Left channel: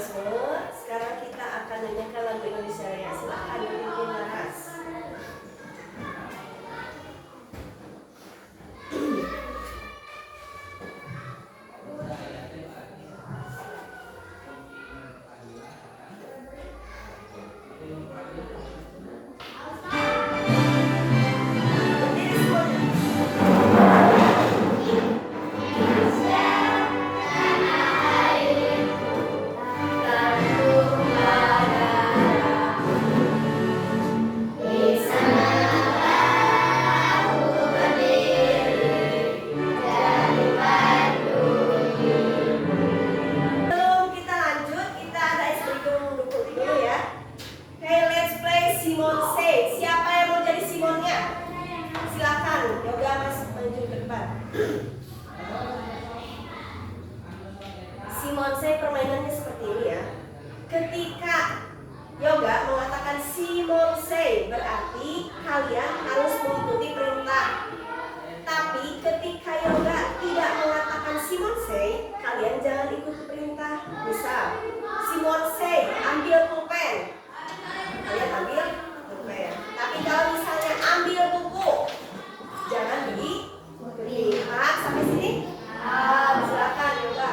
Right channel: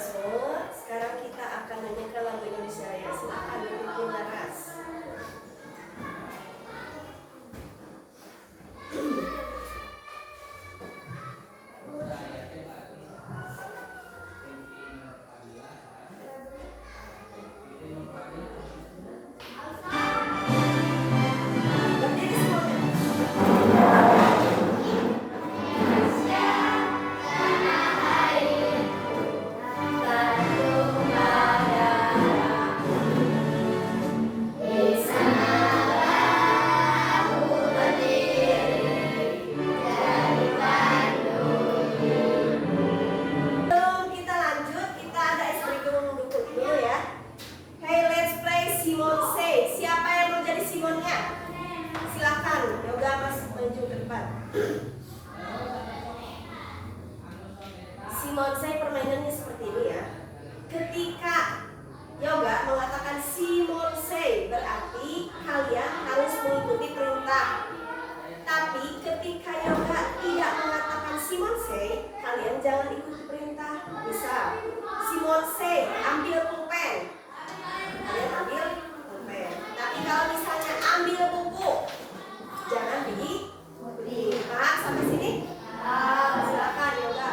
mekanisme. Sekarang kita akan nyanyikan lagu Indonesia Raya. Silakan dipimpin Laras. Simon Say permainannya seperti ini ya. Ketika Yoga mengatakan Simon Say, berarti kalian harus mengikuti perintah. Tapi ketika Yoga tidak mengatakan Simon Say, kalian jangan ikuti perintah. Misal, Simon Say, ambil pulpen. Kalian ambil pulpen. Tapi kalau misalnya ambil buku, jangan dilihat sampai sini. Silakan Yoga.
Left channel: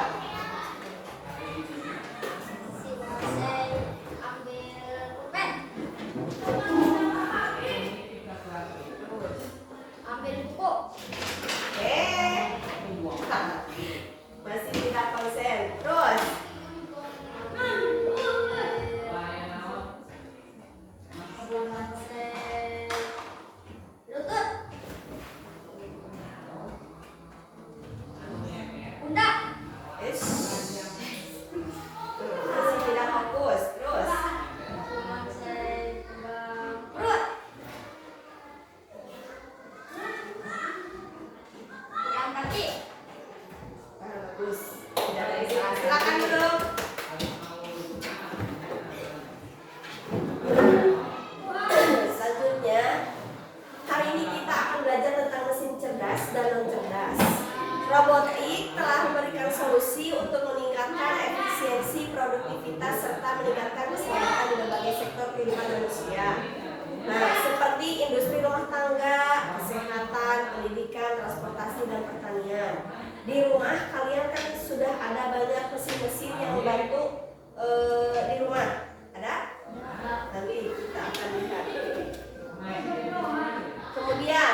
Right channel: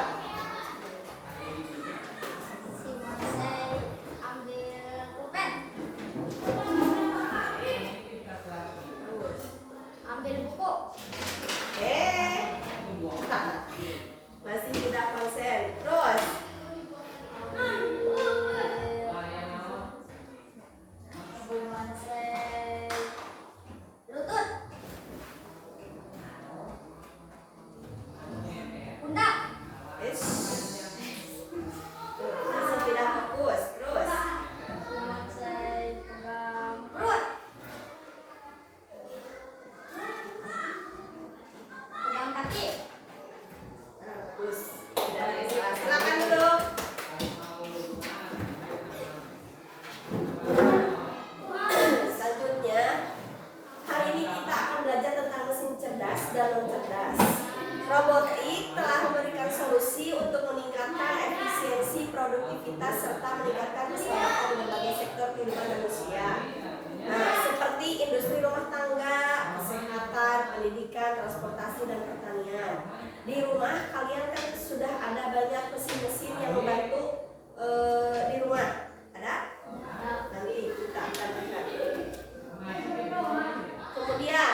Masih tidak konsen. Terus lutut, pundak, masih tidak fokus. Terus perut, pegang kaki. Bagus. Silakan dulu. Selanjutnya, hari ini kita akan belajar tentang mesin cerdas dan non cerdas. Robotik telah memberikan solusi untuk meningkatkan efisiensi, produktivitas, serta meningkatkan keselamatan di berbagai sektor kehidupan manusia. Nah, seperti industri rumah tangga, kesehatan, pendidikan, transportasi, dan pertanian. Di rumah kalian kan sudah ada banyak mesin-mesin yang membantu di rumah. Ada? Nanti kita akan lihat. Kemudian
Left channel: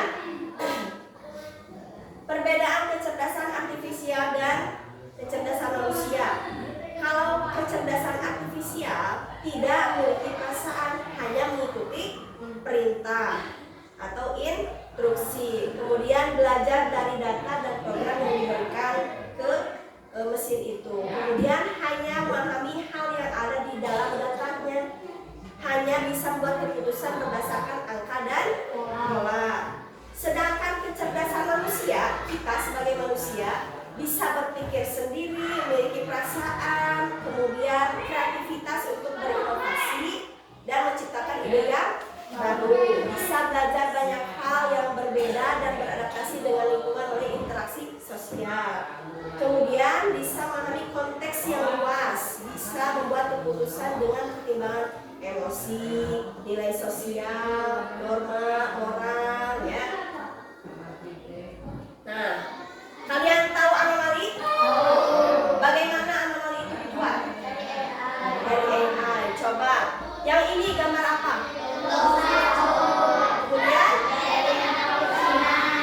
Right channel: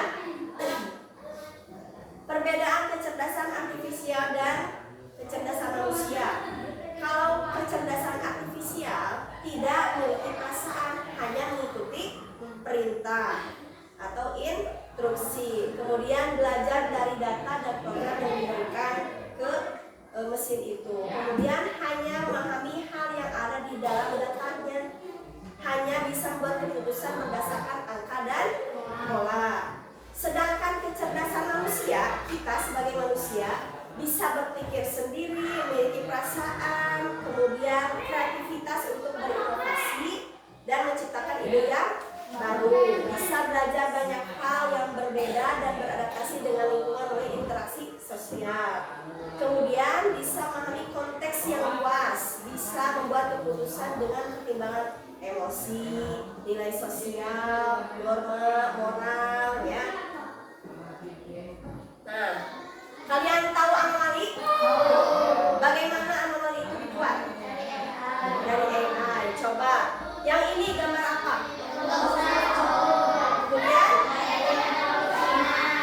perbedaan kecerdasan artifisial dan kecerdasan manusia. Kalau kecerdasan artifisial tidak memiliki perasaan, hanya mengikuti perintah atau instruksi, kemudian belajar dari data dan program yang diberikan ke mesin itu, kemudian hanya memahami hal yang ada di dalam datanya, hanya bisa membuat keputusan berdasarkan angka dan pola. Sedangkan kecerdasan manusia, kita sebagai manusia bisa berpikir sendiri, memiliki perasaan, kemudian kreativitas untuk berinovasi dan menciptakan ide yang baru, bisa belajar banyak hal yang berbeda dan beradaptasi dengan lingkungan oleh interaksi sosial. Kemudian bisa memahami konteks yang luas, bisa membuat keputusan dengan pertimbangan emosi, nilai sosial, norma, moral, ya. Nah, kalian tahu anomali? Bagaimana anomali itu dibuat? Dari AI. Coba, yang ini gambar apa? Kemudian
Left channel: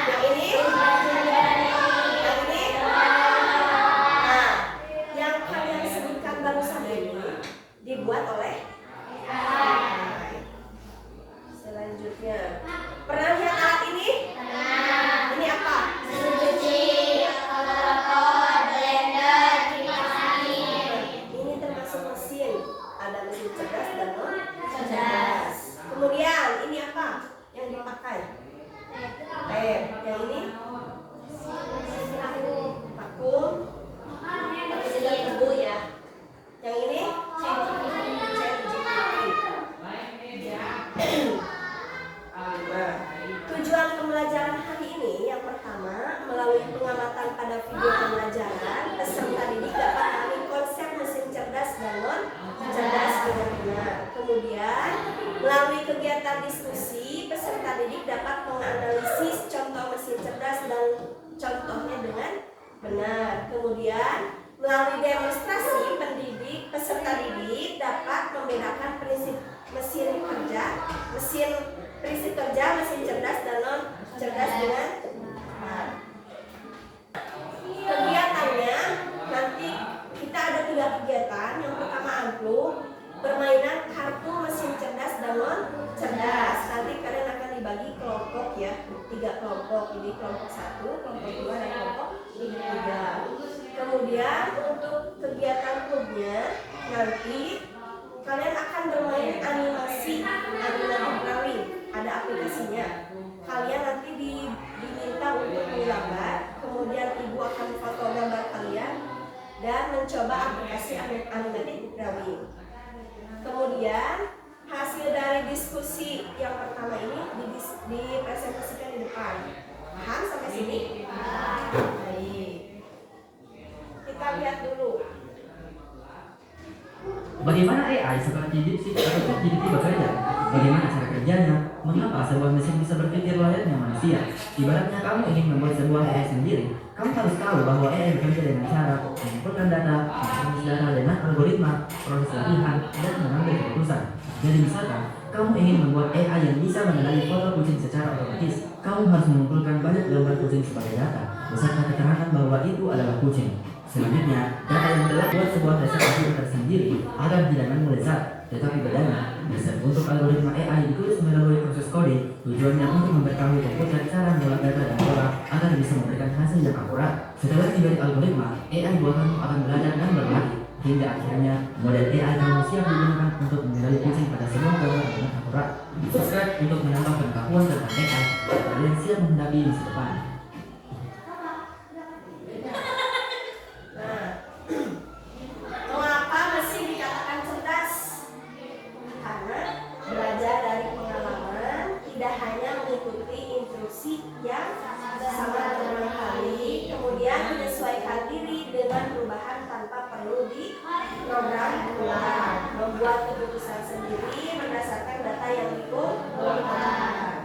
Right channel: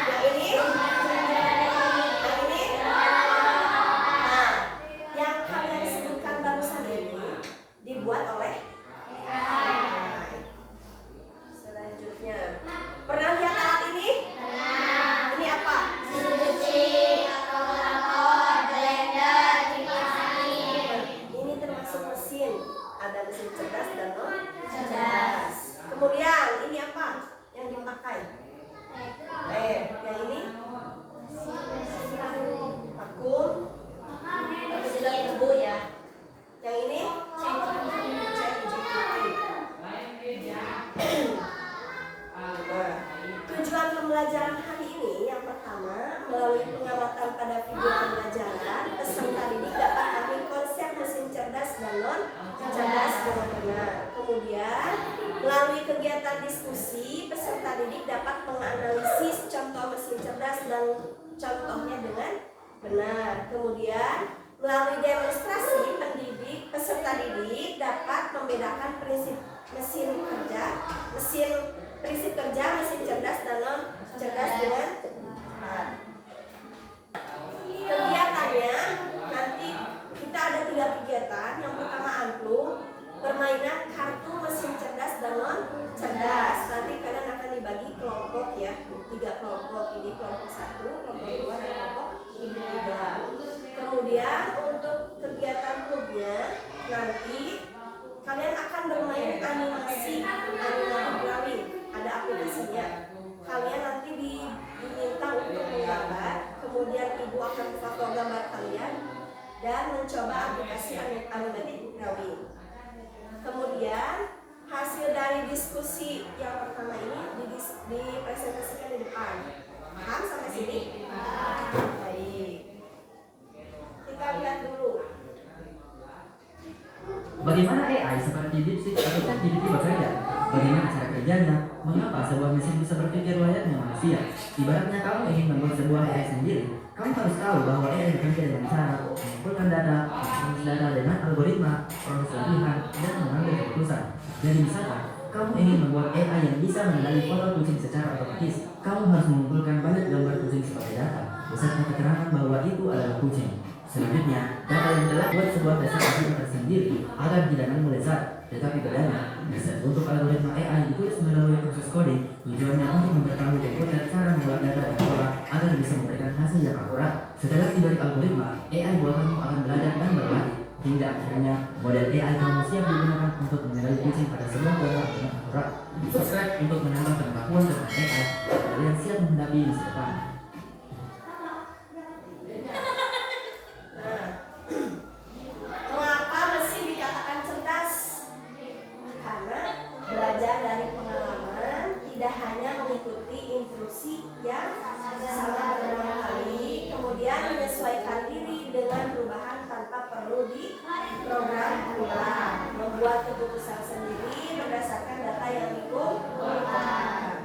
yang ini, nah, yang kalian sebutkan barusan ini dibuat oleh AI. Selanjutnya, pernah lihat alat ini? Ini apa? Ini termasuk mesin. Ada mesin cerdas dan non cerdas. Kemudian ini apa yang dipakai? Yang ini vakum, tapi tidak tebu ya. Yang ini tujuan pembelajaran hari ini yang pertama, melalui pengamatan pada video pembelajaran, peserta didik dapat memahami konsep mesin cerdas dan non cerdas dengan benar. Kemudian melalui kegiatan diskusi, peserta didik dapat menganalisis contoh mesin cerdas dan contohnya dengan benar. Kemudian melalui demonstrasi, peserta didik dapat membedakan prinsip kerja mesin cerdas dan non cerdas dengan benar. Kegiatannya nanti kita ada 3 kegiatan. Yang pertama angklung, permainan kartu mesin cerdas dan non cerdas. Nanti kalian akan dibagi kelompok ya, 3 kelompok. Ini kelompok 1, kelompok 2, dan kelompok 3. Kemudian untuk kegiatan klubnya nanti kalian akan bermain animasi drawing, ada aplikasinya. Kalian nanti diminta untuk menggambar, kemudian ibu akan foto gambar kalian dan mencoba aplikasi animatic drawing. Kemudian hasil dari diskusi yang pertama ini dipresentasikan di depan. Paham sampai sini? Baik. Kita lihat dulu. Bagaimana AI seperti DeepSeek atau ChatGPT bekerja? Bagaimana cara kerjanya? Mengapa sebuah mesin bisa berpikir layaknya manusia? Ibaratnya kamu ingin membuat sebuah AI sendiri, kamu harus tahu bahwa AI bekerja dengan cara mengumpulkan data, menganalisis data dengan algoritma, proses latihan, dan mengambil keputusan. Jadi misalkan, kamu ingin membuat AI yang bisa mengenali foto kucing secara otomatis, kamu harus mengumpulkan banyak gambar kucing sebagai data, beserta keterangan bahwa itu adalah kucing. Selanjutnya, data yang telah buat sebuah presentasi tersendiri agar tidak melezat, tetapi bedanya untuk algoritma AI ditulis melalui proses coding. Tujuannya untuk memberitahu komputer cara mengolah data dan pola agar bisa memberikan hasil yang akurat. Setelah tiba di algoritma, AI buatanmu akan belajar dan berlatih hingga akhirnya model AI kamu siap digunakan untuk mengenali kucing pada sebuah pola dengan akurat. Subscribe untuk menambah pengetahuan tentang AI agar kalian siap menghadapi masa depan. Mengapa mesin dikatakan cerdas? Karena belajar dari pengalaman, tidak hanya mengikuti instruksi yang sama berulang kali, kemudian menyesuaikan diri dengan perubahan tanpa perlu diprogram ulang, membuat keputusan sendiri berdasarkan data yang dikumpulkan.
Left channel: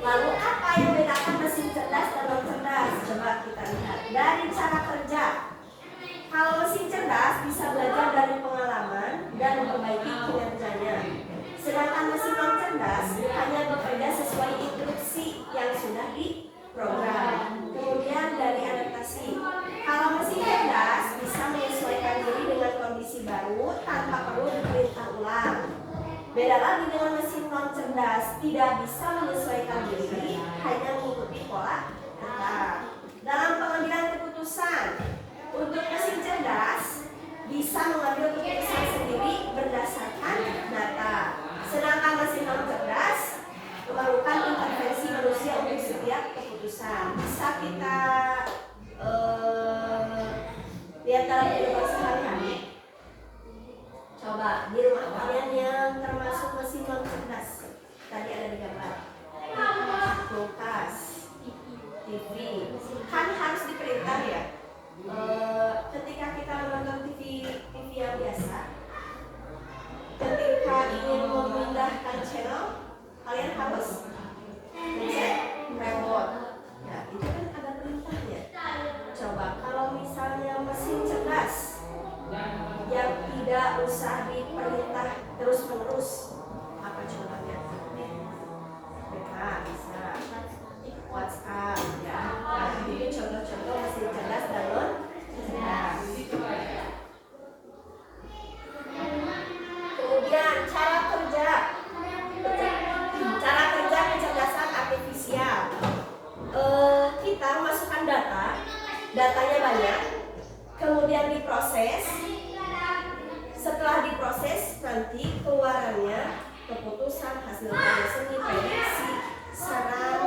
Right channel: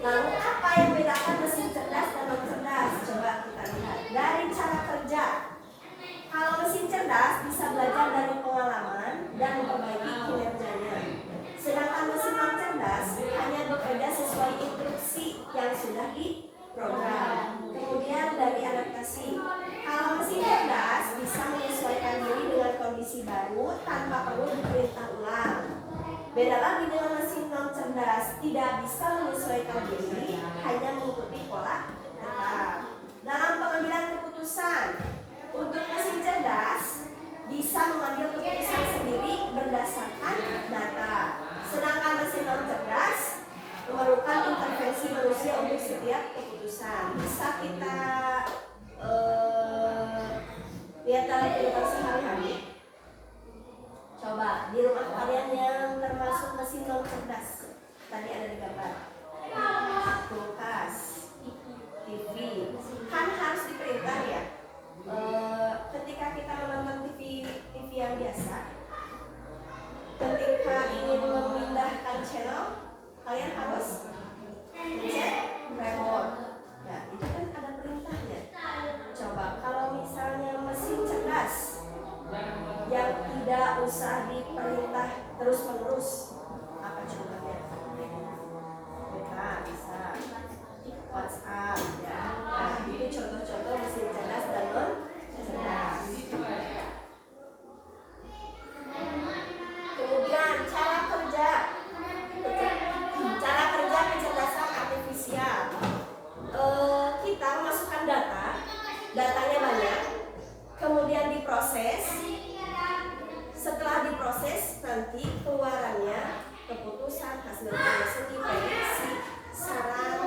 Lalu apa yang membedakan mesin cerdas dan non cerdas? Coba kita lihat dari cara kerja. Kalau mesin cerdas bisa belajar dari pengalaman dan memperbaiki kinerjanya, sedangkan mesin non cerdas hanya bekerja sesuai instruksi yang sudah diprogram. Kemudian dari adaptasi, kalau mesin cerdas bisa menyesuaikan diri dengan kondisi baru tanpa perlu diperintah ulang. Beda lagi dengan mesin non cerdas, tidak bisa menyesuaikan diri, hanya mengikuti pola data. Dalam pengambilan keputusan, untuk mesin cerdas bisa mengambil keputusan sendiri berdasarkan data, sedangkan mesin non cerdas memerlukan intervensi manusia untuk setiap keputusan. Bisa kita lihat dalam kehidupan sehari-hari. Coba di rumah kalian yang termasuk mesin non cerdas, tadi ada di gambar kulkas, TV, kan harus diperintah ya. Ketika kita menonton TV yang biasa, ketika ingin memindahkan channel, kalian harus mencet remote. Ya, itu kan ada perintahnya. Coba kalau misalnya mesin cerdas yang tidak usah diperintah terus-menerus, apa contohnya? Bisa WhatsApp ya. Nah, itu contoh-contoh mesin cerdas dan non cerdas. Kemudian cara kerja kecerdasan artifisial. Kita memasukkan datanya banyak, kemudian diproses. Setelah diproses, nanti keluarannya keputusan, hasil seni, prediksi, saran,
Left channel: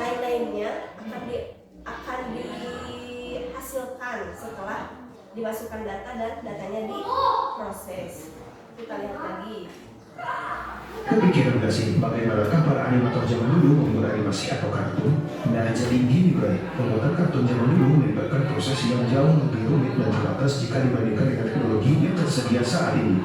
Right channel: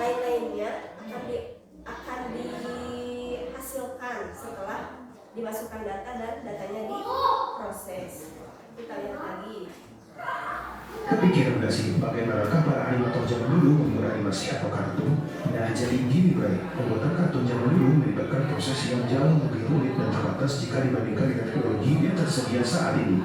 lain-lainnya akan dihasilkan setelah dimasukkan data dan datanya diproses. Kita lihat lagi. Kepikiran gak sih bagaimanakah para animator zaman dulu membuat animasi atau kartun? Nah jadi gini Bray, pembuatan kartun zaman dulu melibatkan proses yang jauh lebih rumit dan terbatas jika dibandingkan dengan teknologi yang tersedia saat ini.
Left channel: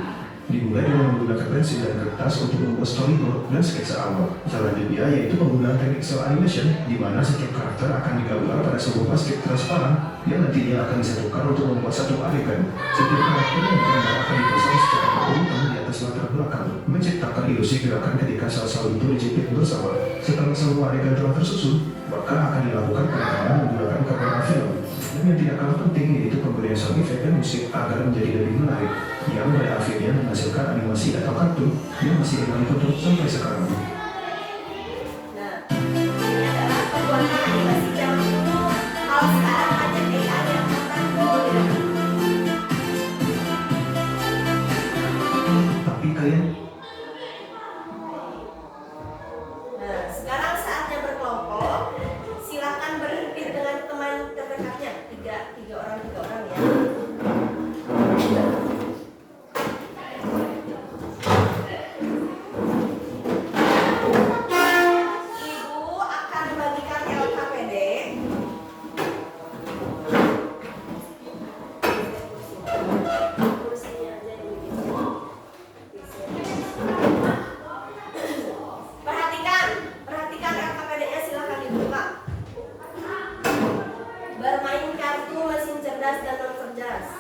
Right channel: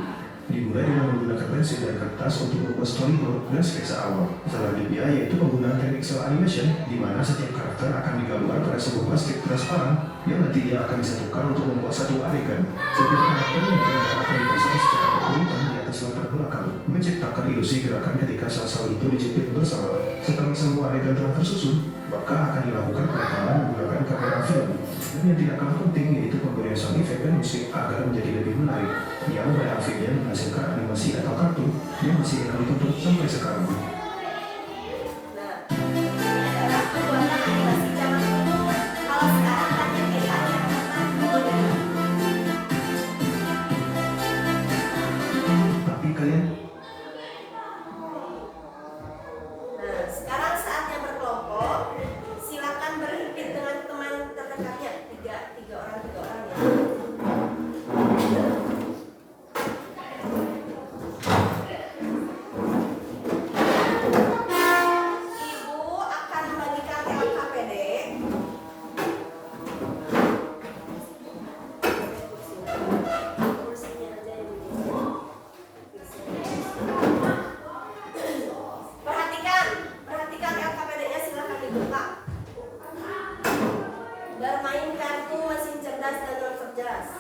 Dimulai dengan menggunakan pensil dan kertas untuk membuat storyboard dan sketsa awal. Selanjutnya yaitu penggunaan teknik cel animation, di mana setiap karakter akan digambar pada sebuah basket transparan yang nantinya akan disatukan untuk membuat satu adegan. Setiap karakter yang digambar akan dipasang secara berurutan di atas latar belakang, menciptakan ilusi gerakan ketika sel-sel itu dijepit bersama. Setelah semua adegan telah tersusun, maka akan dilakukan penekanan menggunakan kamera film. Dan yang tidak kalah penting yaitu pemberian sound effect dan musik agar menjadi lebih menarik, yang pada akhirnya menghasilkan animasi atau kartun yang masih kami tonton sampai sekarang. Nah, ini adalah pembuatan animasi zaman dulu. Kalau sekarang hanya AI yang membantu. Tapi kalian Nah, sekarang saatnya berkelompok. Silakan berhimpit dengan teman terdekatnya. Tiga orang ya. Ibu akan membagikan LKPD. Kursinya aja yang digeser. Perhatikan LKPD-nya, silakan dibuka. Bermain kartu mesin cerdas dan non cerdas.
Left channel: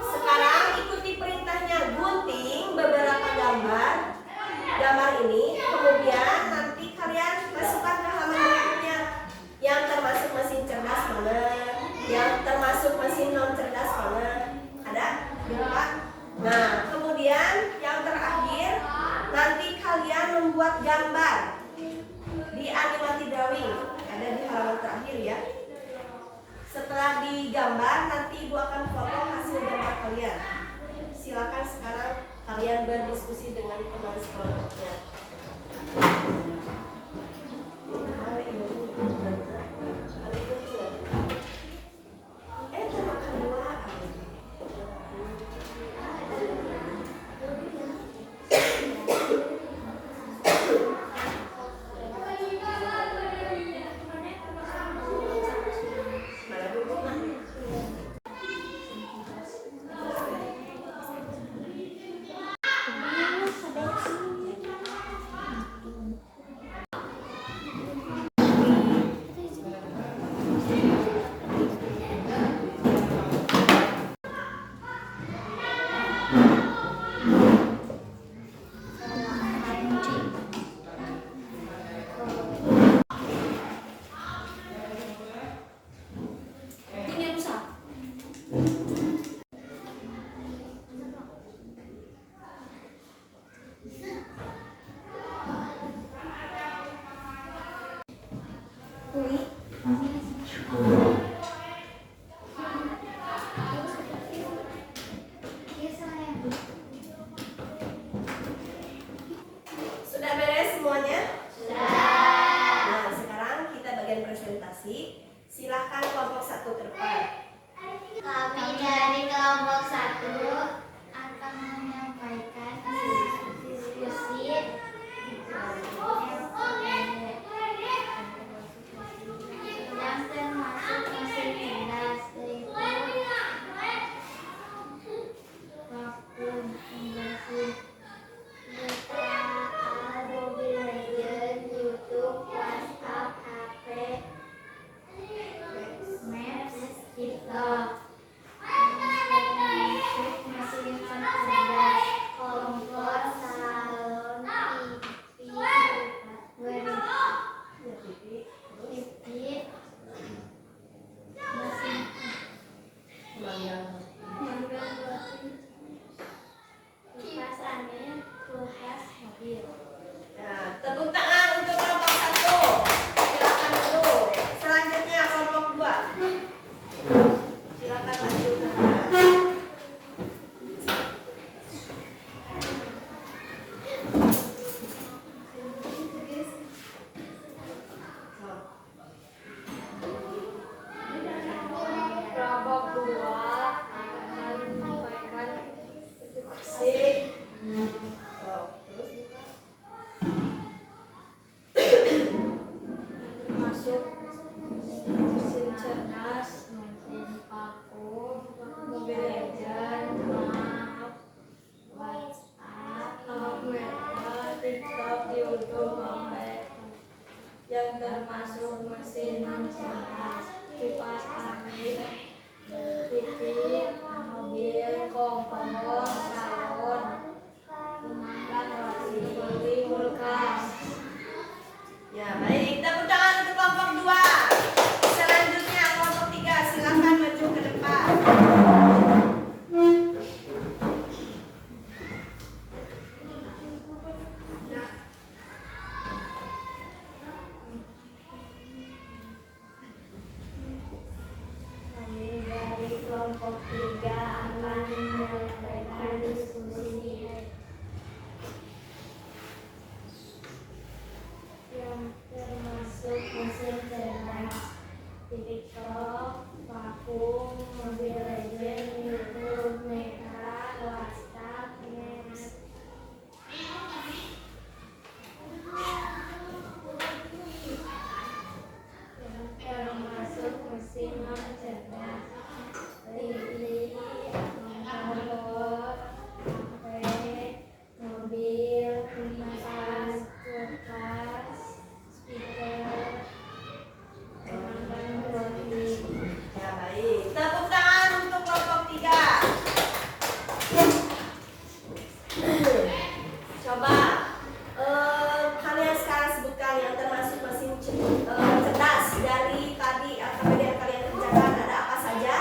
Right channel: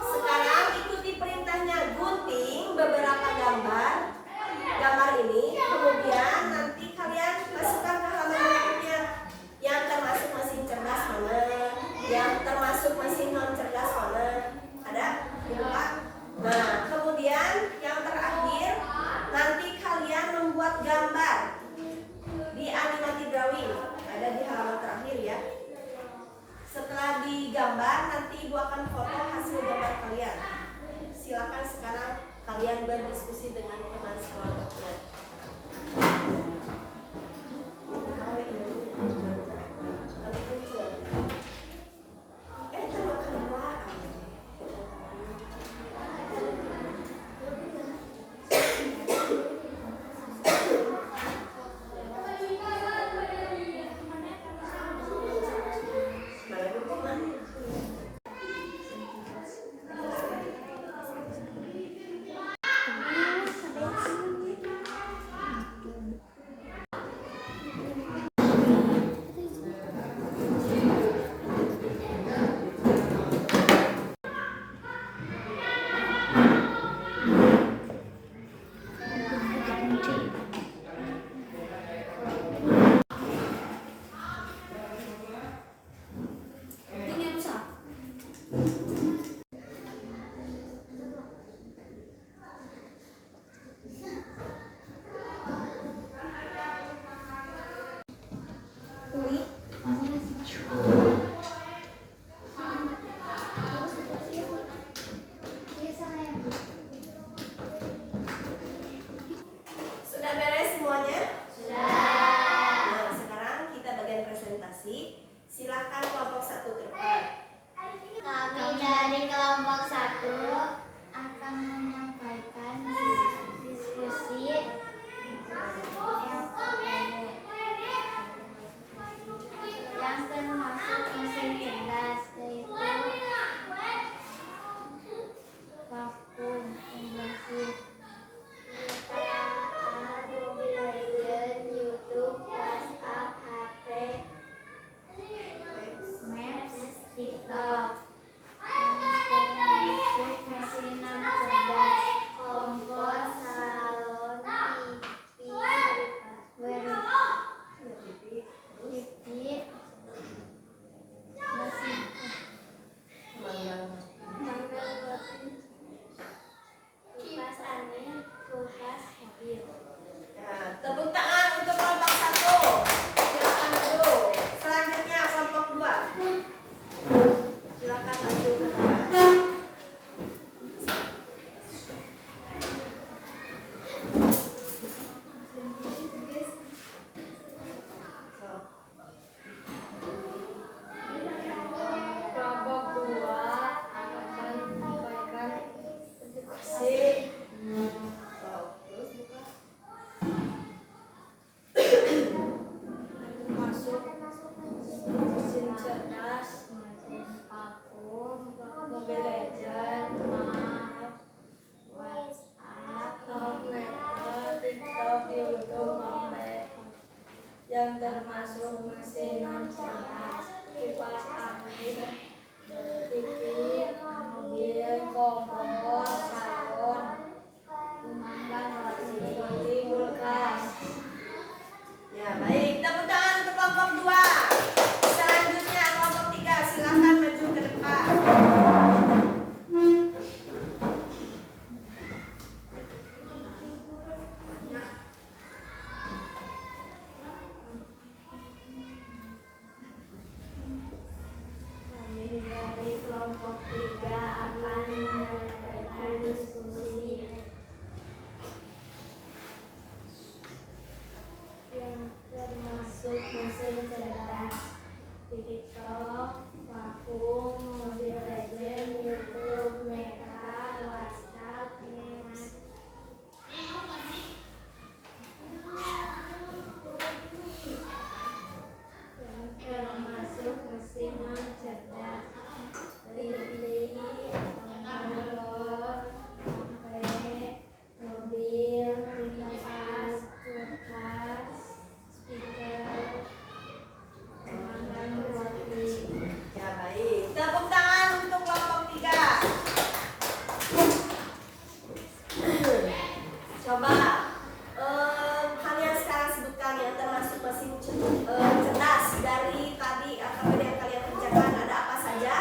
Sekarang ikuti perintahnya, gunting beberapa gambar ini, kemudian nanti kalian masukkan ke halaman berikutnya yang termasuk mesin cerdas mana, yang termasuk mesin non cerdas mana. Ada? Dibuka. Nah, kemudian yang terakhir nanti kalian membuat gambar di animasi drawing, ada di halaman terakhir ya. Setelah digambar nanti ibu akan foto hasil gambar kalian. Silakan sekarang kalian berdiskusi dengan teman sekelompoknya. Sudah beres semuanya? Sudah. Nah, sekarang kita bagian presentasi. Silakan kelompok 1 ke depan. Kami dari kelompok 1 akan menyampaikan diskusi yang termasuk mesin cerdas, yaitu vakum pembersih, Mobile Legends, YouTube, WhatsApp, HP, Maps, TikTok, yang termasuk mesin non cerdas. pohon, tahun, rumah, seperti kulkas. Ya, baik. Tepuk tangan untuk kelompok 2. Selanjutnya kelompok 3, silakan maju ke depan. Kami dari kelompok 3 akan menyampaikan diskusi yang termasuk mesin cerdas, TikTok, vakum, Mobile Legends, YouTube, Meta, WhatsApp, Next. Yang termasuk mesin non cerdas, Lili, motor, HP, mobil, kipas, kulkas, speaker, pemandangan roti. Ya, baik. Tepuk tangan untuk kelompok 3. Coba kalian sekarang sebutkan yang termasuk mesin cerdas dari tadi KPD yang kalian kerjakan, ada apa saja?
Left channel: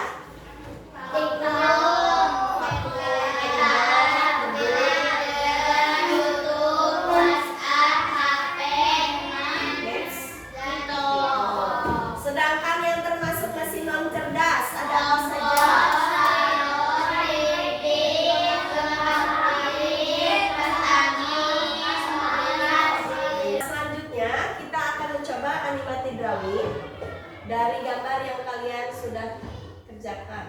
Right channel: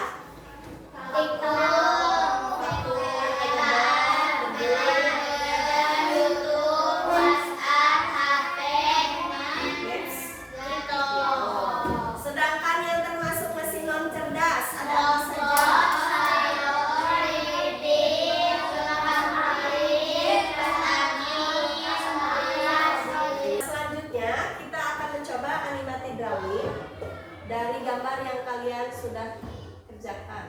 Next. Sedangkan yang termasuk mesin non cerdas ada apa saja? Selanjutnya kita akan mencoba animated drawing dari gambar yang kalian sudah kerjakan.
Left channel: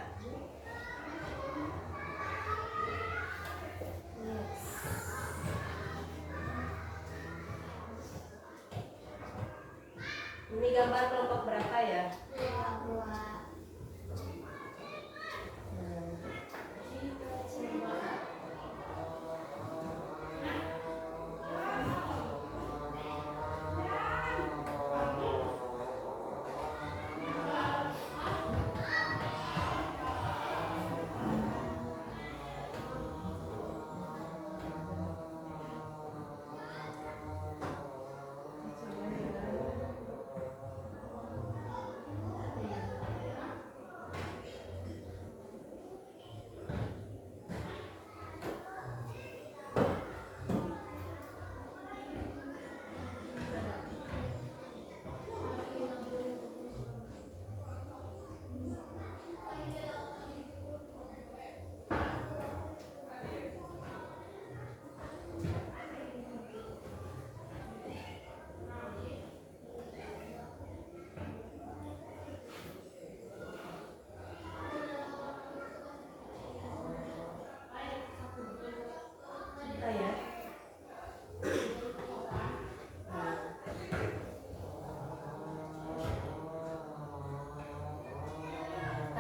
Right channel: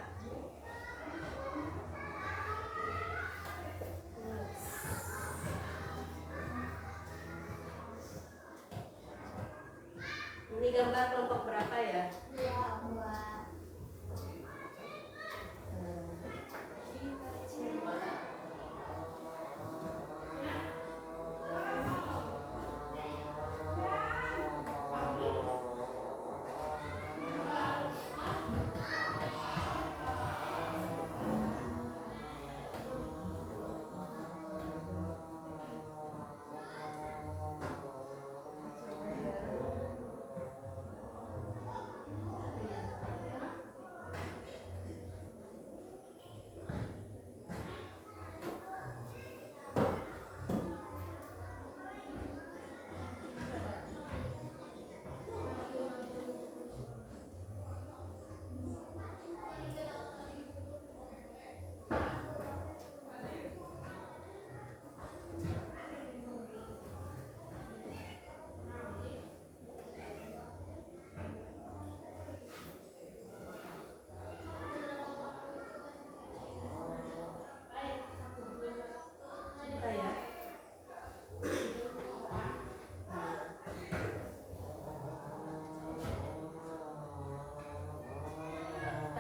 Ini gambar kelompok berapa ya?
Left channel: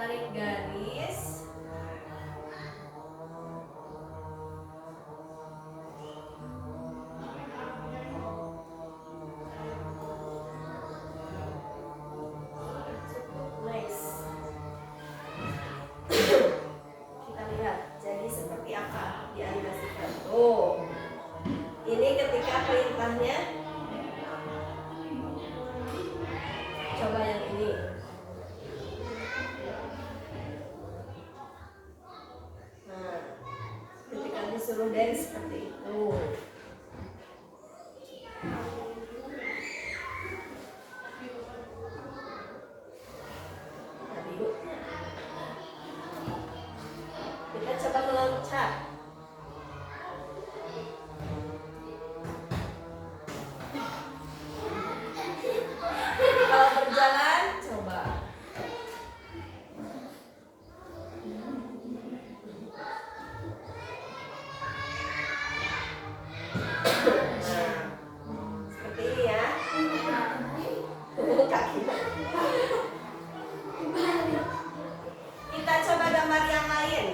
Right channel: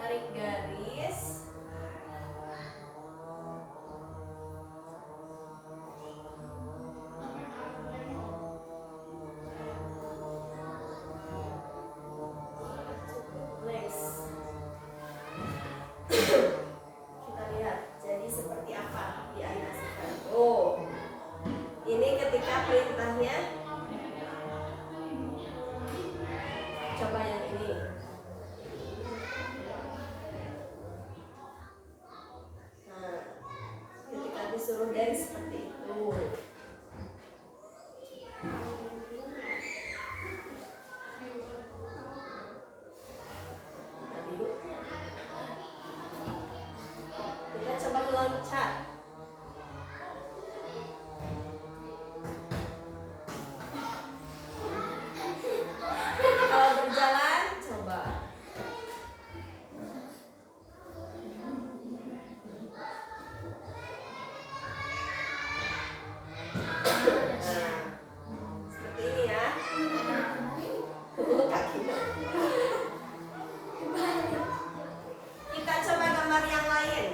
Tarik garis. Next. Kita lihat jadi seperti apa dianimasikan. Oh, ini ketika perintahnya. Coba yang ini. Nah, ketika disuruh dari seperti itu. Tadi yuk. Kita coba meloncat. Kalau berjalan, coba. Seperti ini ya. Kaki. Kita coba gambar yang lain.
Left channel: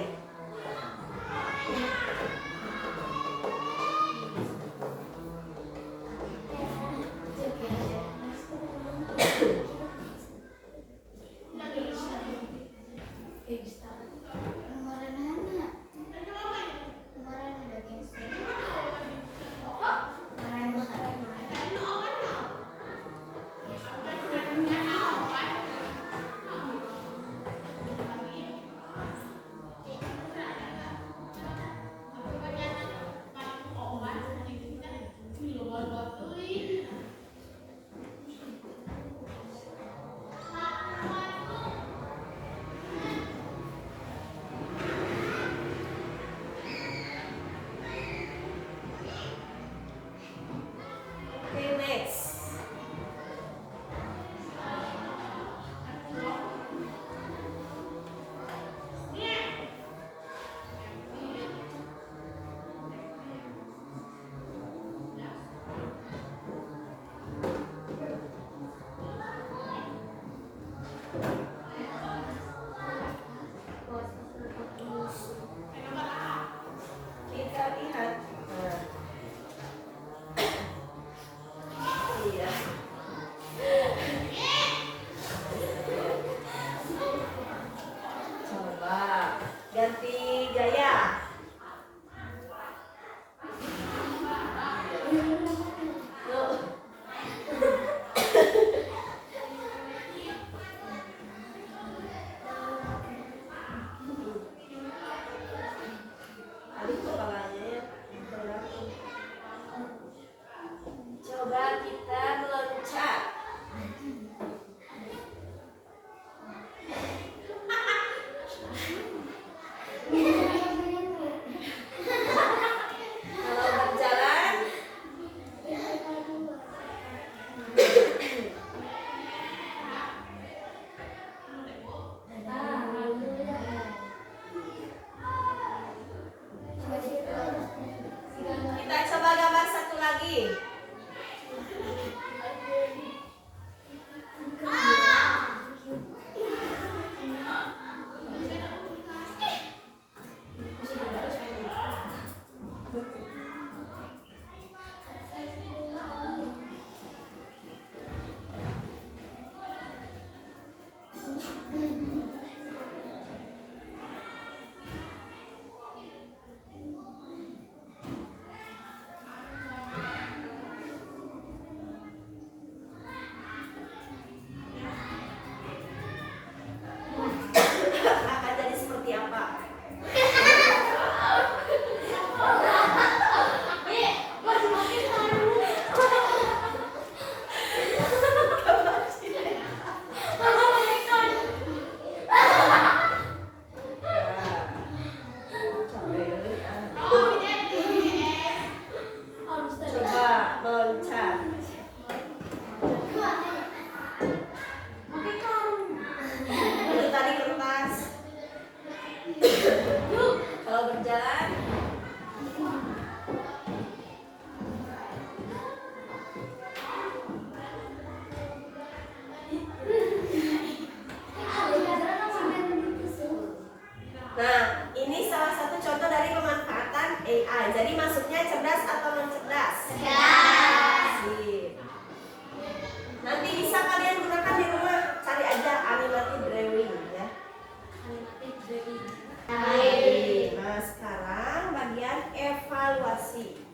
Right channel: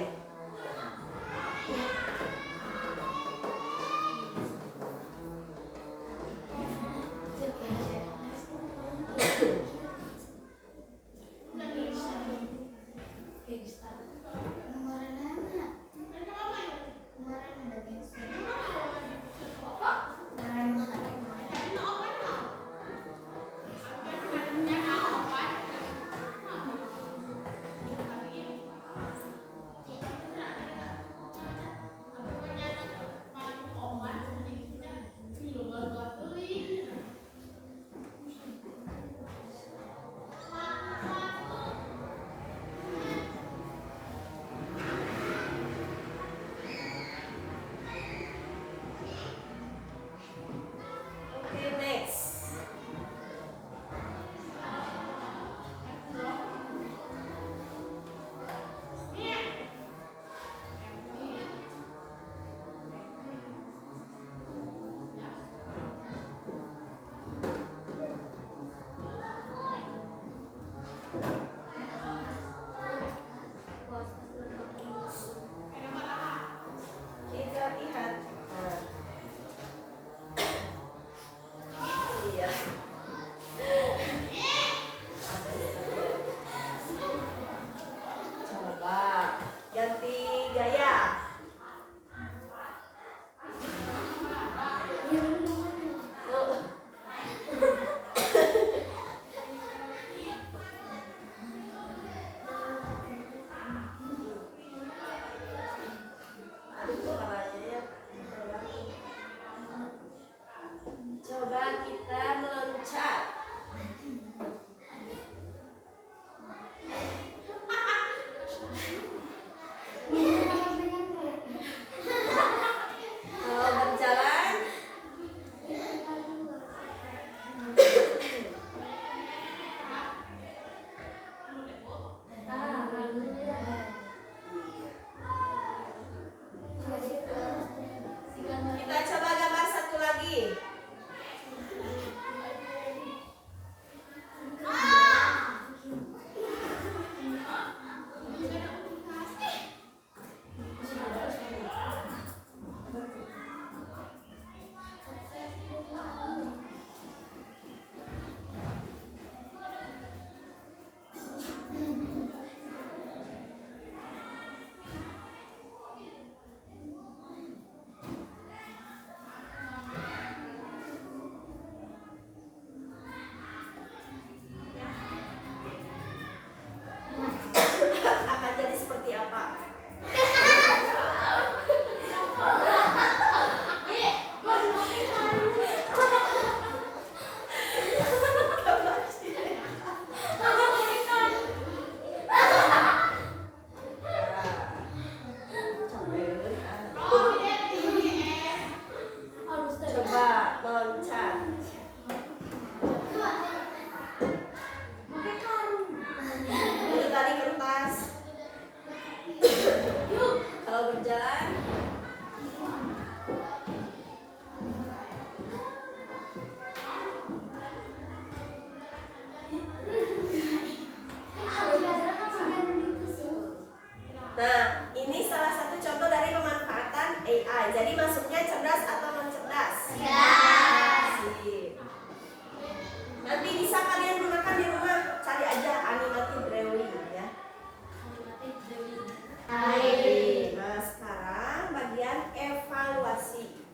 jalan. Nah, ini salah satu contoh dari pemanfaatan AI. Jadi masuknya cerdas atau non cerdas? Cerdas. Sip. Nanti bisa kalian gunakan di rumah. Cari aja animated drawing ya. Baik. Nah, sekarang bagian evaluasi.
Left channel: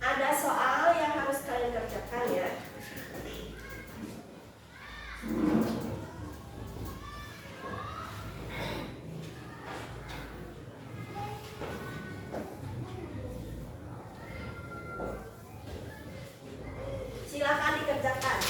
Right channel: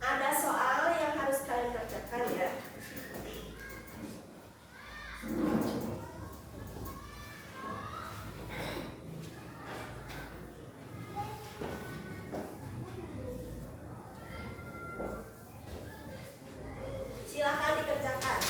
Ada soal yang harus kalian kerjakan ya. Silakan dikerjakan.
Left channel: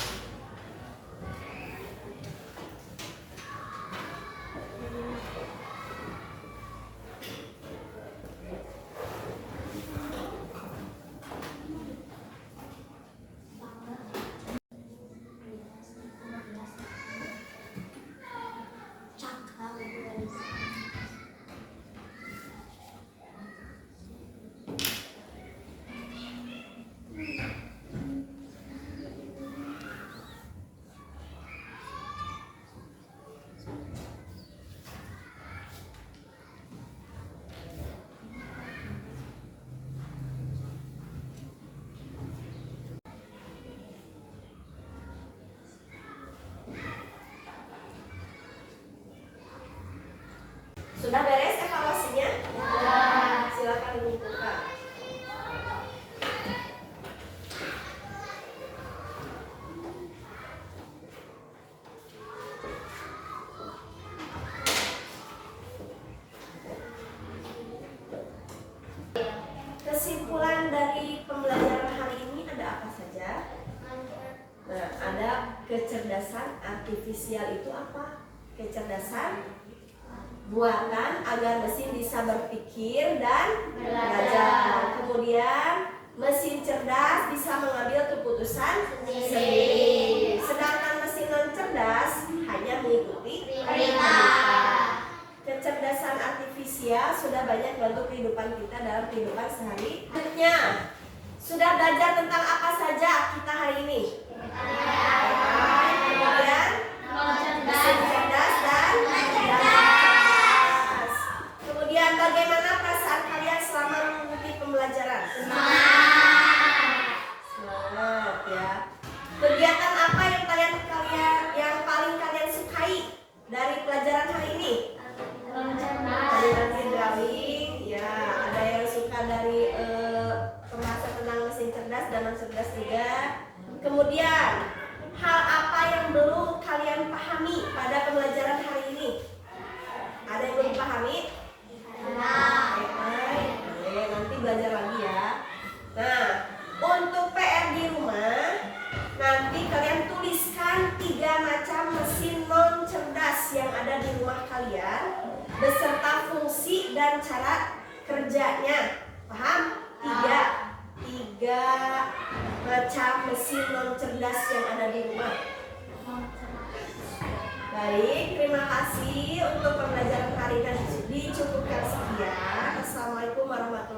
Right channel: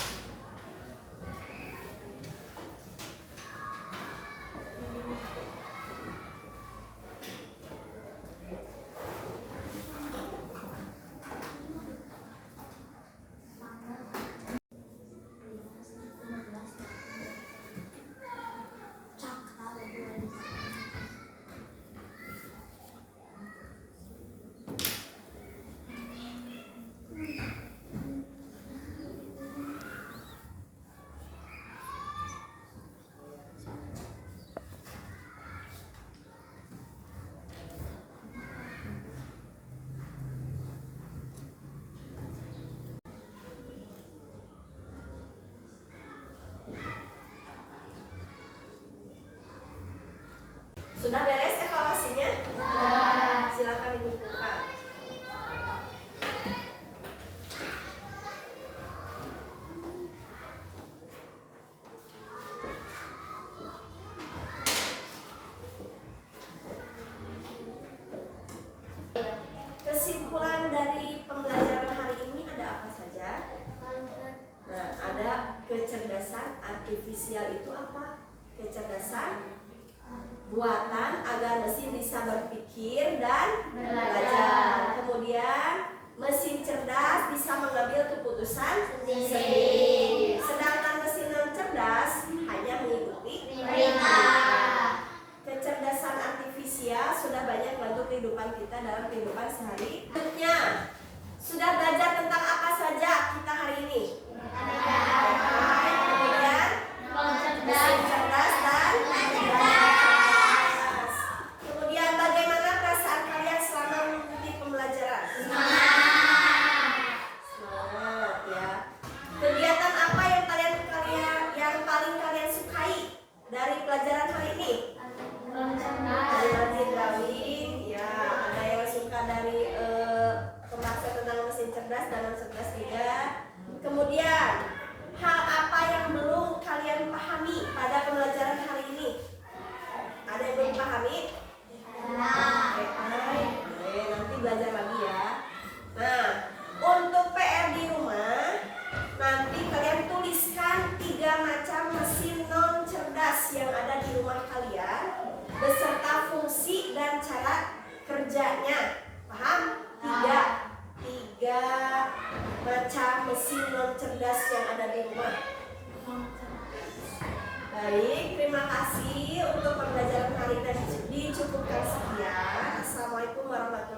Sudah beres evaluasinya? Sudah. Silakan dikumpulkan. Kesimpulan dari pembelajaran hari ini ada apa saja? Nah, ada kecerdasan artifisial itu apa? Kecerdasan buatan agar mesin bisa berpikir dan belajar. Kemudian mesin cerdas bisa mengambil keputusan sendiri. Sedangkan mesin non cerdas hanya mengikuti perintah. Kecerdasan artifisial sudah banyak membantu kehidupan kita dalam kehidupan sehari. Selanjutnya, sudah belajar tentang apa saja kita hari ini? Kemudian mesin cerdas dan cerdas. Kemudian bagaimana perasaan kalian selama mengikuti pembelajaran? Semangat ya. Kegiatan apa yang paling kalian sukai dari pelajaran hari ini? Animated drawing, ya. Ada yang suka dari pembahasan tentang mesin cerdas dan non cerdas juga. Kemudian hal apa yang belum kalian pahami pada pembelajaran hari ini? Ada yang belum pahami? Nanti belajar lagi ya. Nah, untuk PR di rumah, nanti kalian tuliskan 3 macam mesin non cerdas yang ada di rumah kalian beserta fungsi dan cara kerjanya. Paham? 3 macam mesin non cerdas yang ada di rumah. Baik, terima kasih untuk pembelajaran hari ini. Dicukupkan sekian. Assalamualaikum warahmatullahi wabarakatuh.